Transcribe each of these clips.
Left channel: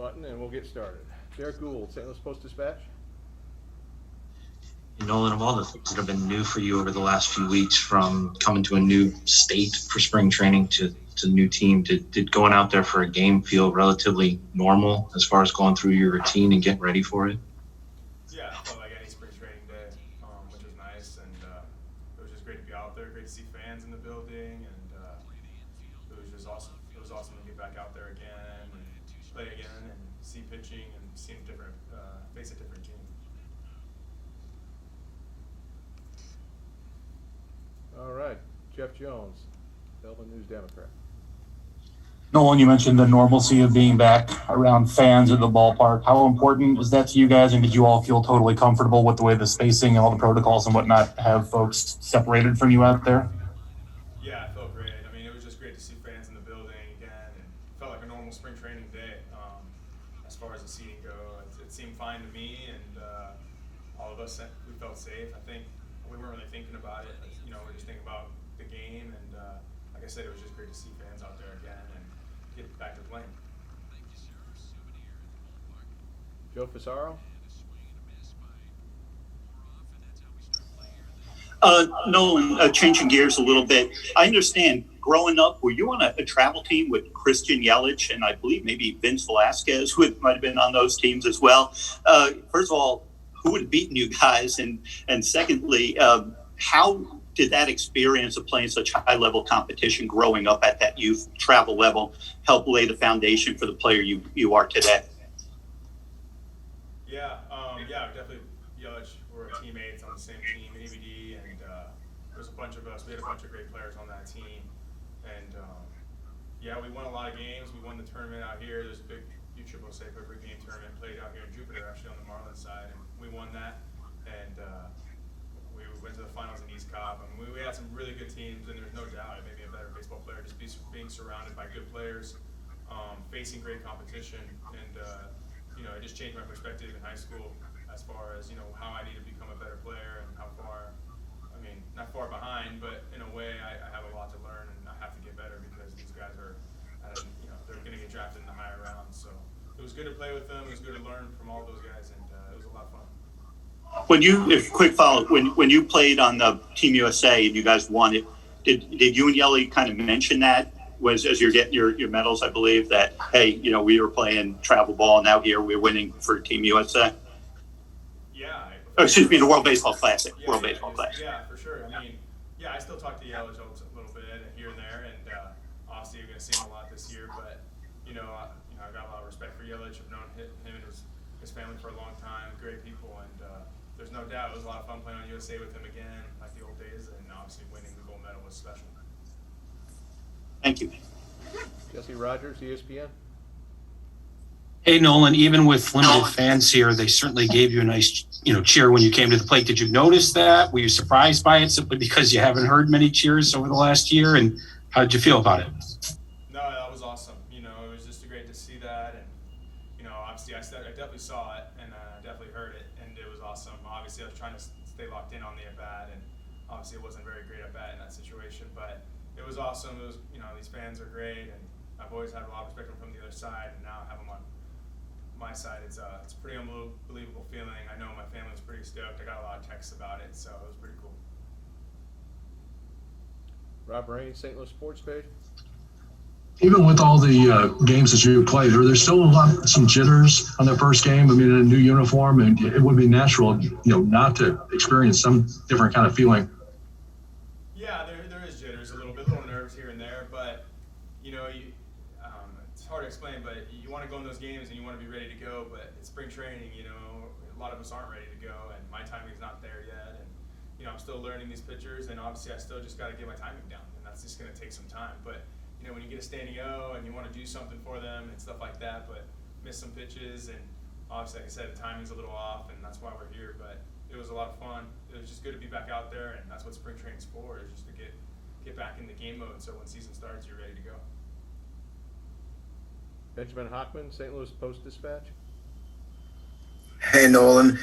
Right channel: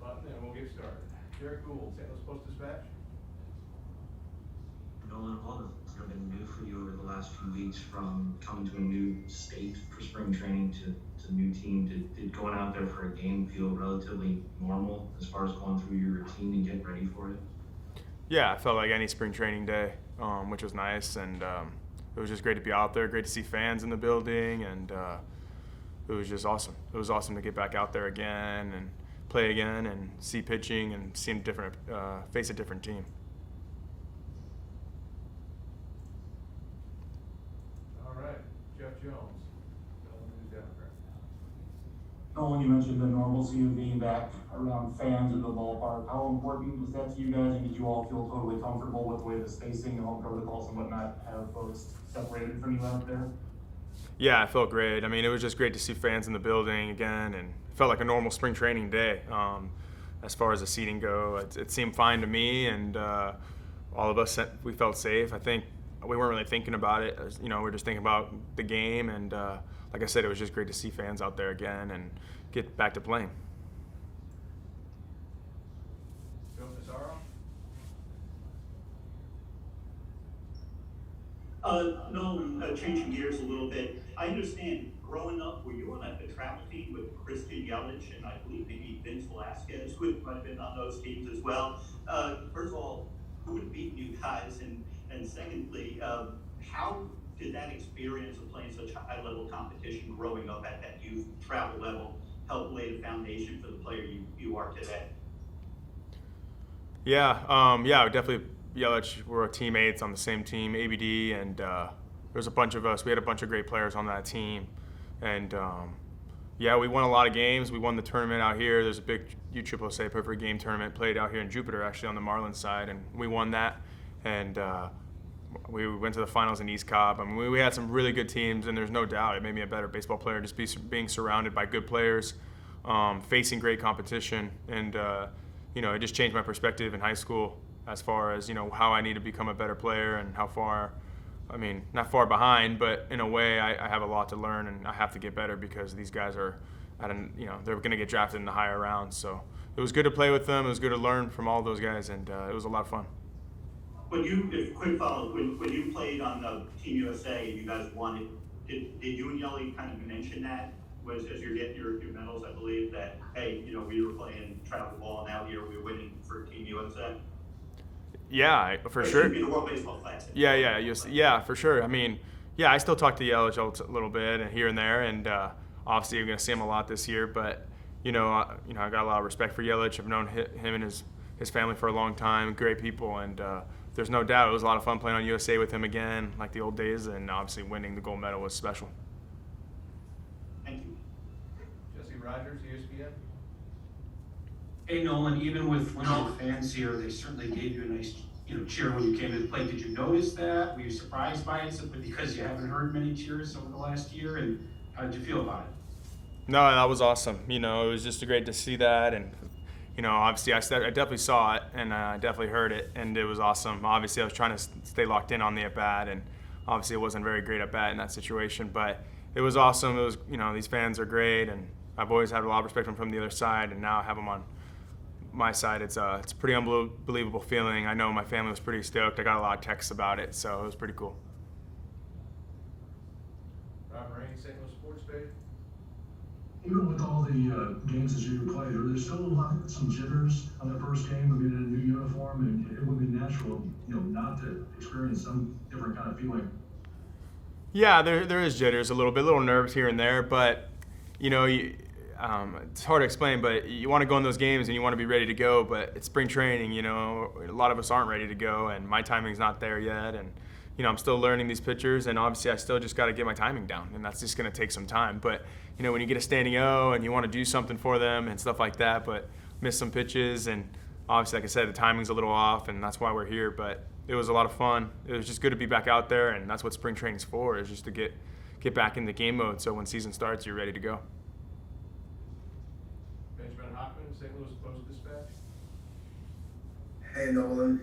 button and we'll get started. Derek Gould, St. Louis Post-Dispatch. Nolan, of all the things that have been new for you over the last few weeks, from coming to a new state for spring training to a new team, did going out there for a game feel relatively normal as far as going through your routine and getting ready for it? Yeah, it felt like any spring training day, which was nice, and it was just great to be out there, great to see fans in the building, and it was just awesome. It was awesome to get back out there again and play again and see pitching and see face a different team. All right, Jeff Jones, Belton News Democrat. Nolan, you mentioned the normalcy of being back around fans at the ballpark. How important was that to you guys, and did you all feel totally comfortable with the way the spacing and all the protocols and whatnot have folks separated from you out there? Yeah, it felt great. I mean, it was just great to see fans in the building again, and it felt like a normal spring training day. As far as the seating go, it seemed fine to me, and all of us, we felt safe. I think we weren't really thinking about it. We were just thinking about the game, and like I said, it was just great to see fans out there again and get back to playing. Joe Pissarro. Nolan, changing gears a little bit. I understand growing up, were you on a travel team with Christian Yelich and I believe maybe Vince Velasquez, who might have been on those teams as well? First of all, who would have beaten you guys? And secondly, how did that experience of playing such high-level competition growing up at that youth travel level help lay the foundation for the player you are today? Yeah, definitely. Yelich, we're teammates on the same team, ABD, and there was a bunch of us. We had a bunch of great players on that team, and we won a lot of games. We won the tournament out here. There's a big USSSA Perfect Game tournament played out here in Jupiter, actually on the Marlins side, and we won that. And we went to the finals in East Cobb. I mean, we had some really good teams, and there's no doubt it made me a better baseball player just being surrounded by good players, facing great competition, and it just changed my perspective in high school as far as how I need to become a better player and how far. I mean, not far behind, but in a way, I have a lot to learn, and I have to get better because these guys are, they're going to get drafted in the higher rounds. So it was good to play with them. It was good to learn from all those guys, and it was a lot of fun. Quick follow, when you played on the Team USA and you guys won it, did you and Yelly kind of mention that as you're getting your medals? I believe that, hey, we were playing travel ball, now here we're winning for Team USA. Yeah, excuse me, the World Baseball Classic. Yeah, for sure. I mean, I still talk to Yelich a little bit and here and there, and obviously you're going to see him a lot this year. But I got a lot of respect for Yelich. I've known him and his family for a long time. Great people, and there's no doubt it was a lot of fun playing on USA with him again, like the old days. And obviously winning the gold medal was special. Thank you. Jesse Rogers, ESPN. Hey, Nolan, even with limited fans here, they certainly gave you a nice, cheer when you came to the plate. Did you notice that? Were you surprised by it simply because you haven't heard many cheers over the last year? And how did you feel about it? No, that was awesome. It was just great to see that. And, obviously I definitely saw it and I definitely heard it. And it was awesome. Obviously I was trying to stay locked in on the at-bat. And obviously it wasn't a very great at-bat in that situation. But it was awesome. It was, these fans are great. And I've always had a lot of respect from the other side. And now I have them on my side. It's a pretty unbelievable feeling. I know my family was pretty stoked. I got a lot of texts about it, so it was pretty cool. Rob Rain, St. Louis Sports Page. Even with all the games that you played, are there still some jitters on the first game? I mean, in a new uniform, and it would be natural, not to experience some different kind of feeling. Yeah, there is jitters a little nerves here and there, but it's hard to explain, but you want to go in those games and you want to be ready to go, but it's spring training, a lot of us aren't ready to go, and my timing's not there yet, and I'm still learning these pitchers, and obviously I still just got to get my timing down, and that's just going to take some time. But when you get a standing O and you want to do something for them and stuff like that, but miss some pitches, and obviously, like I said, the timing's a little off, and that's why we're here. But it was a lot of fun. It was just good to be back out there, and that's what spring training's for, is just to get back in the game mode, so when season starts, you're ready to go. Benjamin Hockman, St. Louis Post-Dispatch. Hey, Nolan.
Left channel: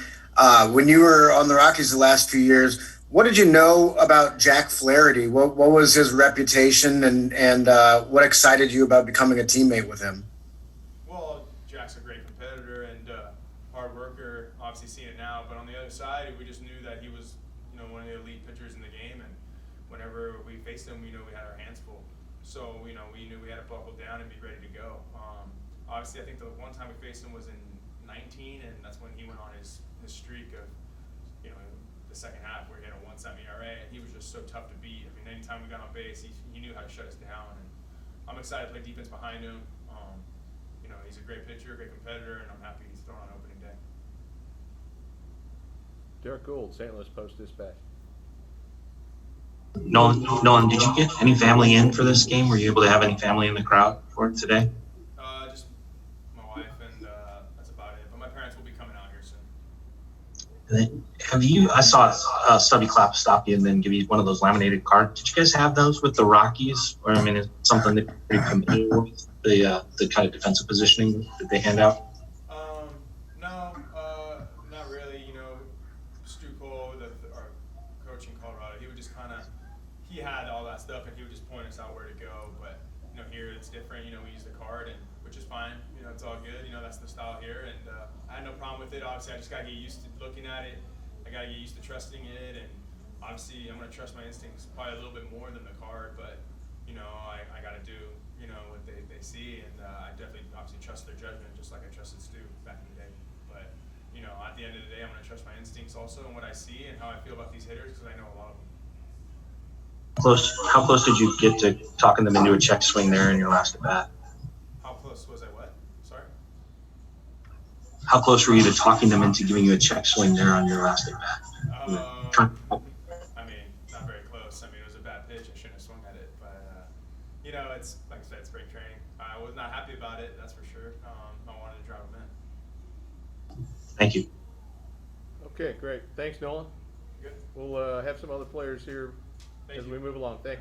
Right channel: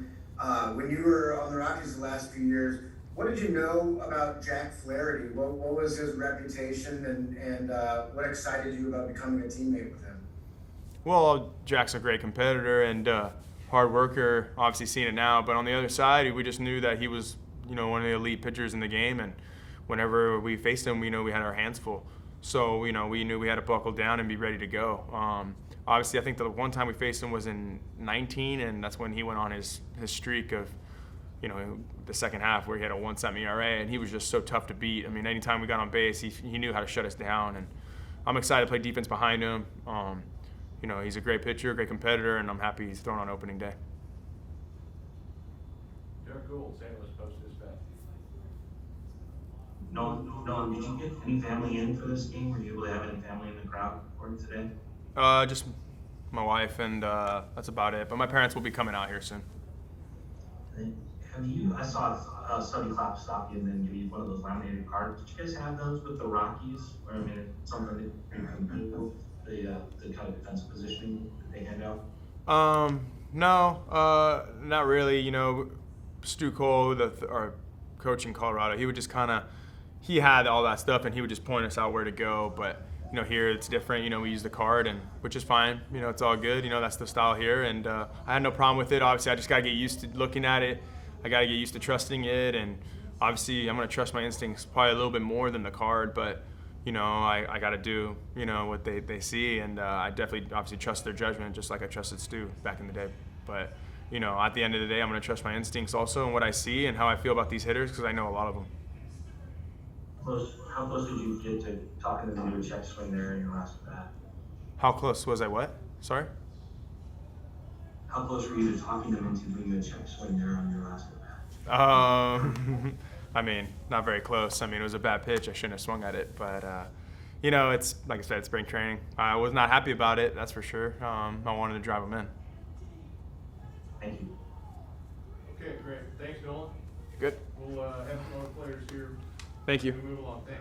When you were on the Rockies the last few years, what did you know about Jack Flaherty? What was his reputation, and what excited you about becoming a teammate with him? Well, Jack's a great competitor and hard worker. Obviously, seeing it now, but on the other side, we just knew that he was, one of the elite pitchers in the game. And whenever we faced him, we had our hands full. So we knew we had to buckle down and be ready to go. Obviously, I think the one time we faced him was in 19, and that's when he went on his streak of, the second half where he had a 1.7 ERA, and he was just so tough to beat. I mean, anytime we got on base, he knew how to shut us down, and I'm excited to play defense behind him. He's a great pitcher, great competitor, and I'm happy he's thrown on opening day. Derek Gould, St. Louis Post-Dispatch. Nolan, did you get any family in for this game? Were you able to have any family in the crowd for it today? Just my wife, and that's about it. But my parents will be coming out here soon. I saw Stubby Clapp stop you and then give you one of those laminated cards. Did you guys have those with the Rockies? Or, it's something that you're familiar with, the kind of defensive positioning that they hand out? No, not really. Stu Cole, our coach in Colorado, he would just he had all that stuff, and he would just point us out where to go. But, here it's different. We use the card, and which is fine. It's all good. That's the style here, and I had no problem with it. Obviously, I just got to get used to looking at it. I got to get used to trusting it, and obviously, I'm going to trust my instincts probably a little bit more than the card, but, I got to do, what they see, and I definitely obviously trust their judgment just like I trusted Stu back in the day. But, at the end of the day, I'm going to trust my instincts also and what I see and how I feel about these hitters because I know a lot of them. How close did you get to talking them into a check swing there in your last at bat? How close was I? What? Sorry? How close were you to talking them into giving you a check swing there on your last at bat? Not very close. It was a bad pitch. I shouldn't have swung at it. But, it's like I said, spring training. I was not happy about it, that's for sure. I wanted to drive them in. Thank you. Okay, great. Thanks, Nolan. Good. We'll have some other players here Thank as you. we move along. Thanks.